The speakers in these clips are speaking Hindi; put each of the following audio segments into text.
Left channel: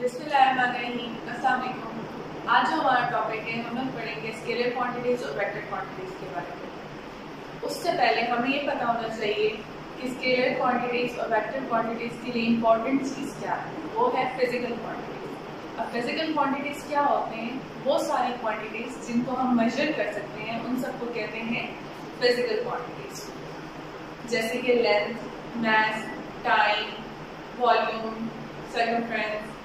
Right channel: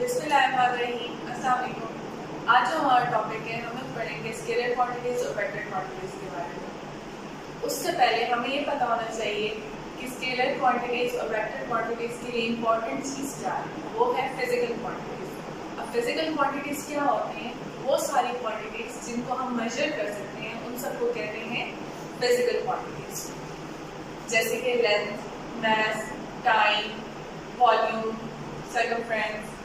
बिस्मिल्लाहिर्रहमानिर्रहीम। अस्सलाम वालेकुम। आज जो हमारा टॉपिक है, हम लोग पढ़ेंगे स्केलर क्वांटिटीज और वेक्टर क्वांटिटीज के बारे में। उससे पहले हमें ये पता होना चाहिए कि स्केलर क्वांटिटीज और वेक्टर क्वांटिटीज के लिए इम्पोर्टेंट चीज़ क्या है, वो है फिजिकल क्वांटिटीज। अब फिजिकल क्वांटिटीज क्या होते हैं? वो सारी क्वांटिटीज जिनको हम मेजर कर सकते हैं, उन सबको कहते हैं फिजिकल क्वांटिटीज। जैसे कि लेंथ, मास, टाइम, वॉल्यूम, सर्कमफ्रेंस,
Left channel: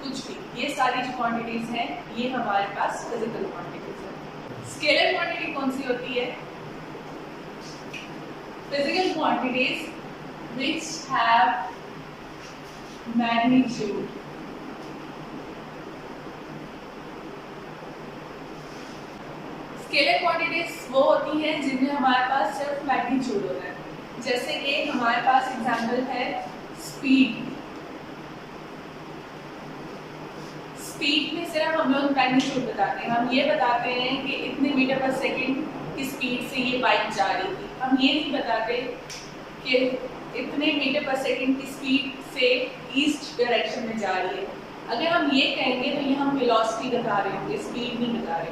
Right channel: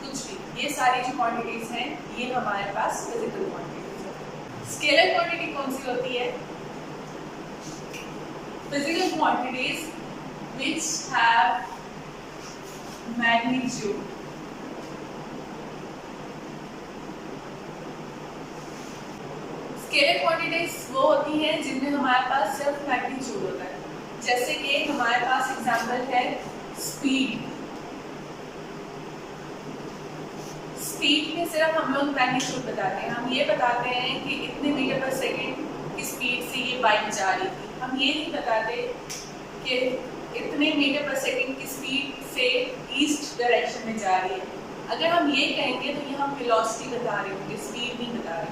कुछ भी, ये सारी जो क्वांटिटीज हैं ये हमारे पास फिजिकल क्वांटिटीज है। स्केलर क्वांटिटी कौन सी होती है? Physical quantities which have magnitude. Scalar quantities वो होती हैं जिनमें हमारे पास सिर्फ मैग्नीट्यूड होता है। जैसे कि हमारे पास एग्जांपल है स्पीड। स्पीड में सिर्फ हम लोग मैग्नीट्यूड बताते हैं। हम ये बताते हैं कि इतने मीटर पर सेकंड की स्पीड से ये बाइक जा रही थी। हम ये नहीं बताते कि इतने मीटर पर सेकंड की स्पीड से ईस्ट डायरेक्शन में जा रही है। अगर हम ये कहेंगे तो ये हम वेलोसिटी बता रहे होंगे, स्पीड नहीं बता रहे।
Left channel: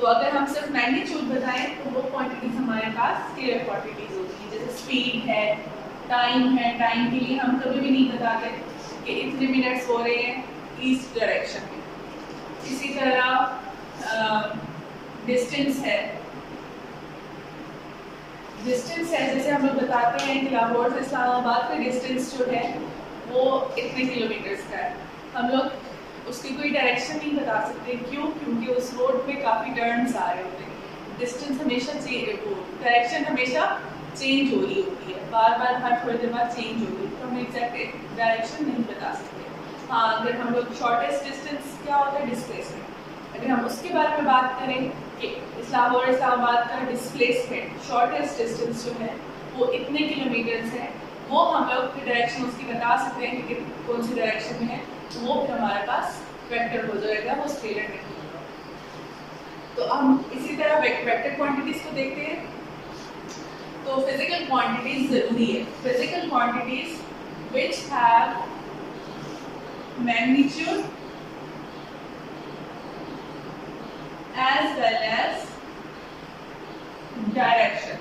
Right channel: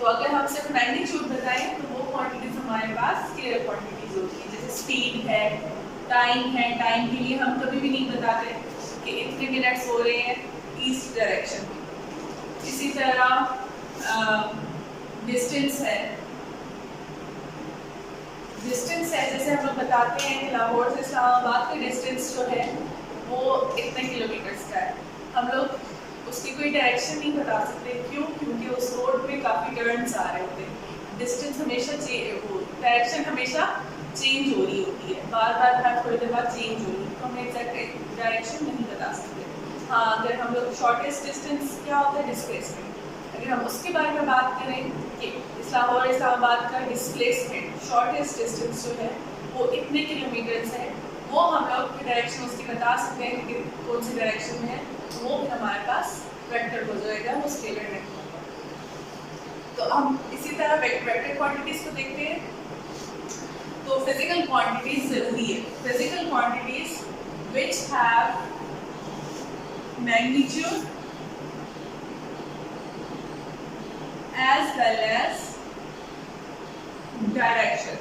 तो अगर हम सिर्फ मैग्नीट्यूड बताएं तो वो क्वांटिटीज हमारे पास स्केलर क्वांटिटीज होती है। जैसे स्पीड है, टाइम है। टाइम के लिए हम कभी भी नहीं बताते कि इतने मिनट्स हो रहे हैं ईस्ट डायरेक्शन में। इसी तरह डिस्टेंस है। डिस्टेंस है, जैसे हम लोग बताते हैं कि लाहौर से इस्लामाबाद का डिस्टेंस जो है वो इतने किलोमीटर्स का है। हम लोग उसकी कोई डायरेक्शन नहीं बता सकते। क्यों? क्योंकि उस रोड पे काफ़ी टर्न्स आ रहे होते हैं। डिस्टेंस हमेशा डायरेक्शन हमेशा चेंज हो रही होती है, बार बार हर थोड़ी देर बाद चेंज हो रही है, तो हम एग्जैक्ट डायरेक्शन नहीं बता सकते। हाँ, अगर हम लोग शॉर्टेस्ट डिस्टेंस क्या होता है? डिस्प्लेसमेंट। अगर हम उसके बारे में बात करें कि लाहौर इस्लामाबाद का डिस्प्लेसमेंट, शॉर्टेस्ट डिस्टेंस जो है वो इतने किलोमीटर्स है, वो हम लोग डायरेक्शन उसकी बता सकते हैं कि कौन सी डायरेक्शन में है, तो वो फिर हमारे पास वेक्टर हो जाएगा, वो स्केलर नहीं होगा। तो हम इसी तरह वेक्टर क्वांटिटीज को देखते हैं। तो फिजिकल क्वांटिटीज जरूरी है। Physical quantities which have magnitude as well as direction।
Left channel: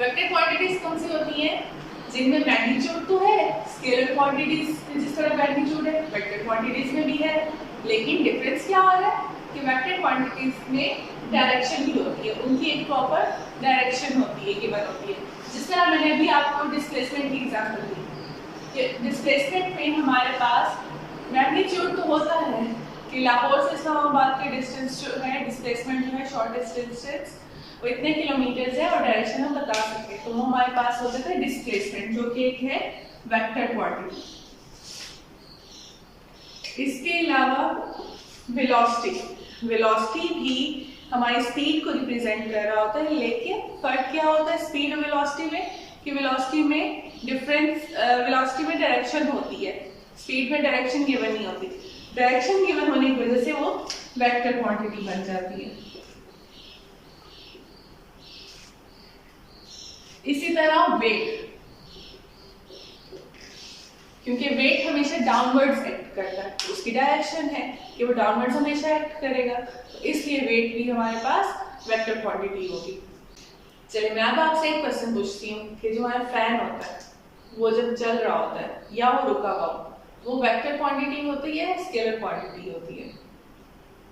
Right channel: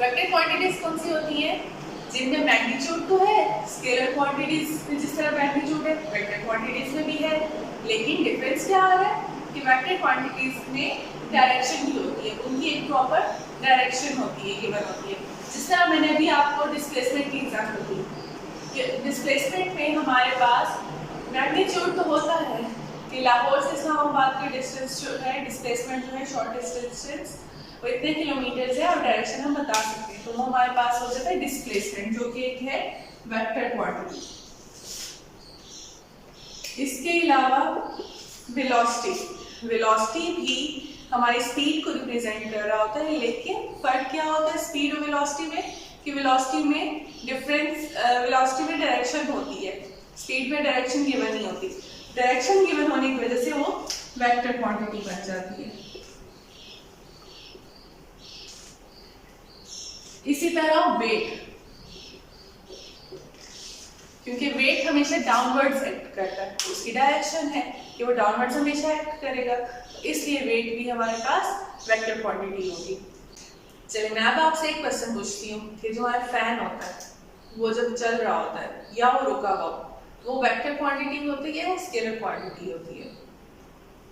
Vector quantities कौन सी होती हैं? जिनमें मैग्नीट्यूड तो है, स्केलर क्वांटिटीज में जिस तरह मैग्नीट्यूड है वेक्टर क्वांटिटीज में भी है, लेकिन डिफरेंस क्या आ रहा है कि वेक्टर क्वांटिटीज में डायरेक्शन भी होती है, उनकी एक प्रॉपर डायरेक्शन होती है, गिवन होती है। जिस तरह मैंने अभी आपको डिस्प्लेसमेंट की एग्जांपल दी, डिस्प्लेसमेंट में हमारे पास मैग्नीट्यूड तो होता है कि लाहौर से इस्लामाबाद के डिस्टेंस जो है, डिस्प्लेसमेंट जो है, शॉर्टेस्ट डिस्टेंस वो इतने किलोमीटर्स है और डायरेक्शन हम बता सकते हैं, तो वो हमारे पास हो जाता है डिस्प्लेसमेंट, जो कि एक है वेक्टर क्वांटिटी। इसके अलावा वेलोसिटी। वेलोसिटी भी हमारी स्पीड को रिप्रेजेंट कर रहा होता है, लेकिन फर्क क्या होता है स्पीड और वेलोसिटी में कि वेलोसिटी में डिफरेंस, वेलोसिटी में डायरेक्शन होती है, स्पीड में डायरेक्शन गिवन नहीं होती। डायरेक्शन गिवन होने की वजह से वो वेक्टर क्वांटिटी बन जाती है। इसी तरह वेट, क्योंकि वेट हमेशा डाउनवर्ड्स एक्ट करता है, उसकी डायरेक्शन है कि वो डाउनवर्ड्स हमेशा एक्ट करेगा, तो इसलिए वेट भी हमारे पास वेक्टर क्वांटिटी होगी। चलिए मैं अब आपसे एक क्वेश्चन पूछती हूँ कि जो हमारा फैन होता है वो जब चल रहा होता है या वो रुका हुआ, वो वेक्टर क्वांटिटी होती है या स्केलर क्वांटिटी होती है?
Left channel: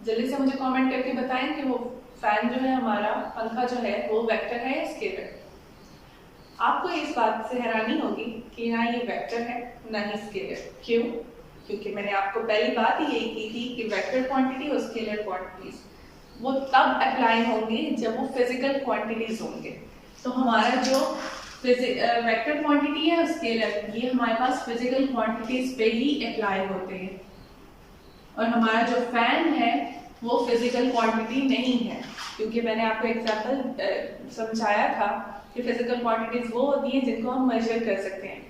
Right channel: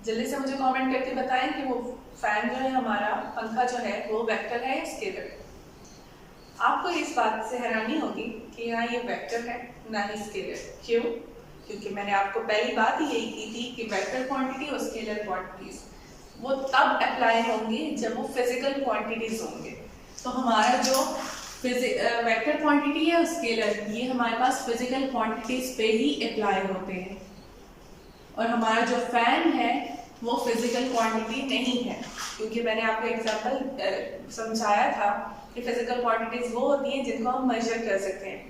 जल्दी से मुझे कमेंट करके बताएं कि वो फैन जो है, हमारा पंखा जो है, वो वेक्टर है या स्केलर? आपको इस बात से हैरानी होगी कि ना ये वेक्टर है ना ही स्केलर। क्यों? क्योंकि मैंने आपको पहली बात ही यही की थी कि वेक्टर क्वांटिटी और स्केलर क्वांटिटीज वो तब अप्लाई होंगे जब वो फिजिकल क्वांटिटीज होंगे। तो हमारा जो वेक्टर क्वांटिटी है, स्केलर, ये हमारे पास फिजिकल क्वांटिटीज पे ही अप्लाई होते हैं, और हमारा जो फैन है वो फिजिकल क्वांटिटी नहीं है, क्योंकि मैंने आपको एग्जांपल समझाया था कि फिजिकल क्वांटिटीज वो होती हैं जिनको हम मेजर कर सकते हैं।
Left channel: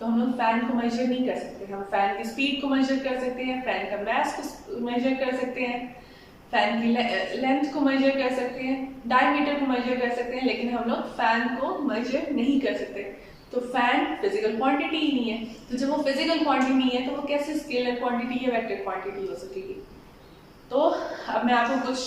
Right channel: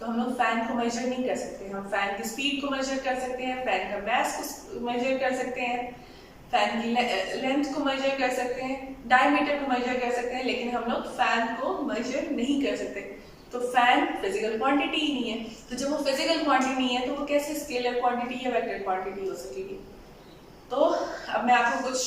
तो हम लोग फैन को मेजर नहीं कर सकते। हम फैन की स्पीड को मेजर कर सकते हैं, फैन का मास को मेजर कर सकते हैं, फैन की लेंथ को मेजर कर सकते हैं, डायमीटर को मेजर कर सकते हैं, लेकिन हम लोग फैन को मेजर नहीं कर सकते। तो फैन फिजिकल क्वांटिटी ही नहीं है, तो जब वो फिजिकल क्वांटिटी नहीं है तो वो कैसे स्केलर क्वांटिटी या वेक्टर क्वांटिटी हो सकेगी। तो अब मैं आपको कुछ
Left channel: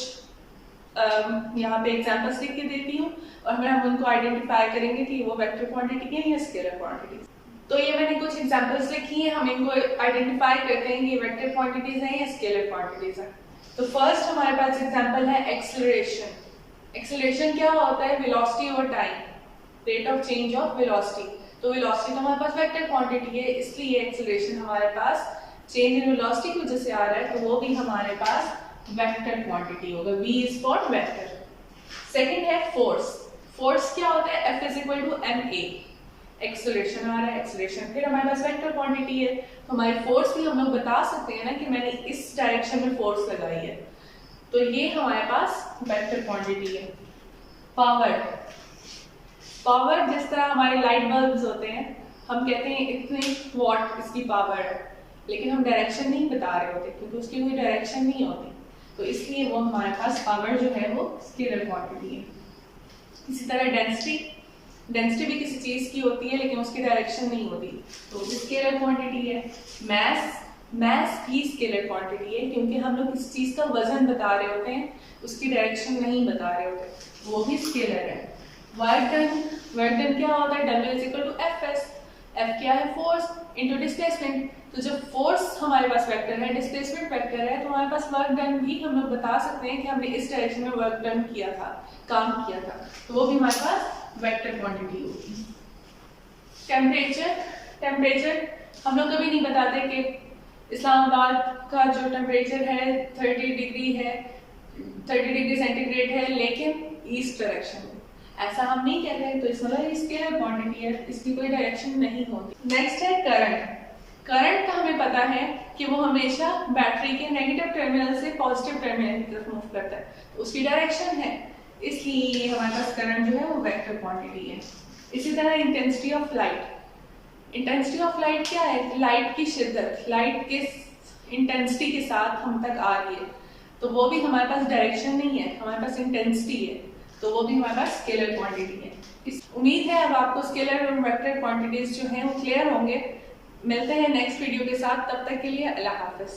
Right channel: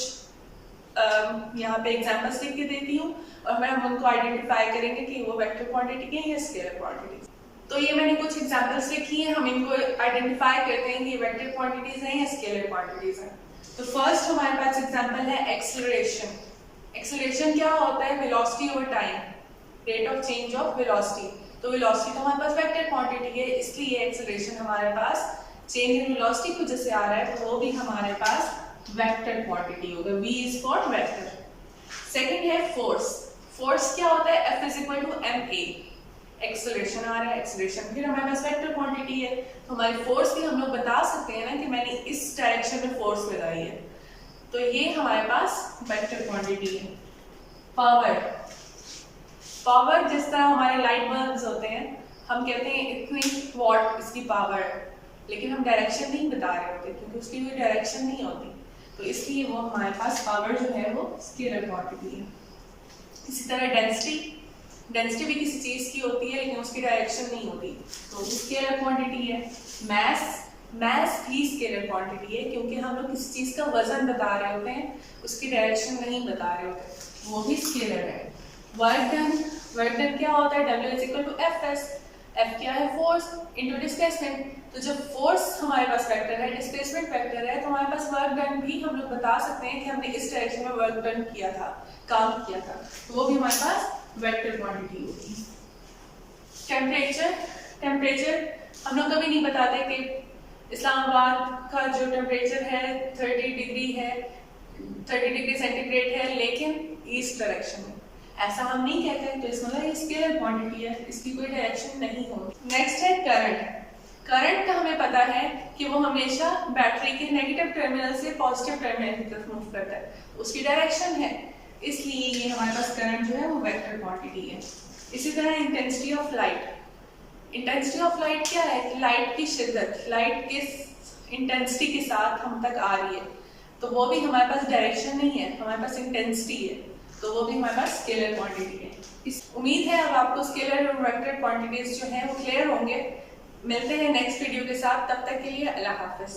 यहाँ पे एग्जांपल्स लिख के देती हूँ और हम उनको आइडेंटिफाई करेंगे कि वो वेक्टर क्वांटिटी है या स्केलर क्वांटिटी। तो ये मैंने कुछ एग्जांपल्स लिखी हैं, हम इनको आइडेंटिफाई करते हैं कि ये वेक्टर क्वांटिटीज हैं या स्केलर क्वांटिटीज हैं। तो फर्स्ट हमारे पास एग्जांपल है एक्सेलरेशन। एक्सेलरेशन क्या होता है? Velocity over time, rate of change of velocity. तो वेलोसिटी तो हमारे पास वेक्टर क्वांटिटी है, इसलिए एक्सेलरेशन हमारे पास चेंज इन वेलोसिटी की वजह से आ रहा है, तो वो भी हमारे पास वेक्टर क्वांटिटी होगा। V is for vector. Second है फोर्स। फोर्स क्या होता है? F is equal to ma। Acceleration आ रहा है, एक्सेलरेशन फिर हमारे पास वेक्टर क्वांटिटी है, तो हमारी फोर्स भी हम लोग बता सकते हैं ना कि मैंने इस डायरेक्शन में फोर्स लगाई है, तो ये हमारे पास वेक्टर क्वांटिटी है। पावर। पावर जिस तरह हमारे लाइट बल्ब्स होते हैं, हम कहते हैं इतनी वॉट इसकी पावर है, लेकिन हम डायरेक्शन नहीं बता रहे होते क्योंकि उसकी कोई डायरेक्शन नहीं होती, तो इसलिए वो हमारे पास पावर जो है वो स्केलर क्वांटिटी है। इसी तरह डेंसिटी। डेंसिटी भी किसी चीज की होती है लेकिन उसकी डायरेक्शन नहीं होती, तो वो भी स्केलर क्वांटिटी है। मैस। मैस भी स्केलर क्वांटिटी है क्योंकि हम लोग किसी चीज का वजन बता रहे होते हैं, उसकी डायरेक्शन नहीं बता रहे होते, वो भी स्केलर है। Work done. वर्क डन क्या होता है? W is equal to Fs। F क्या है? Force into displacement. तो जब फोर्स हमारे पास वेक्टर है, डिस्प्लेसमेंट वेक्टर है, तो हमारे पास वर्क डन भी हम लोग बता सकते हैं कि हमने इस डायरेक्शन में वर्क डन किया था, काम किया था, तो वो भी हमारे पास वेक्टर क्वांटिटी होगी। टेम्परेचर। टेम्परेचर हम लोग कभी नहीं बताते कि इस्लामाबाद का जो टेम्परेचर है 30 डिग्री है, 30 डिग्री सेंटीग्रेड है, लेकिन ईस्ट डायरेक्शन में, ऐसा हम नहीं कहते, तो इसमें मतलब स्केलर क्वांटिटी है, इसकी कोई डायरेक्शन नहीं होगी। नेक्स्ट है करंट। करंट का हमें पता है कि वो हमेशा बैटरी के नेगेटिव टर्मिनल से पॉजिटिव टर्मिनल की तरफ मूव करता है, तो उसकी डायरेक्शन है, इसलिए हमारे पास करंट जो है वो वेक्टर क्वांटिटी है। इसी तरह intensity of light. Intensity of light क्या है? लाइट की शिद्दत, लाइट किस इंटेंसिटी के साथ हम तक आ रही है, तो वो भी हमारे पास डायरेक्शन नहीं है, हमारे पास इंटेंसिटी है, तो वो भी हमारे पास स्केलर क्वांटिटी है। उम्मीद है अब आपको स्केलर और वेक्टर क्वांटिटीज जो हैं वो क्लियर होंगे। मिलते हैं नेक्स्ट वीडियो के साथ, तब तक के लिए अल्लाह हाफिज।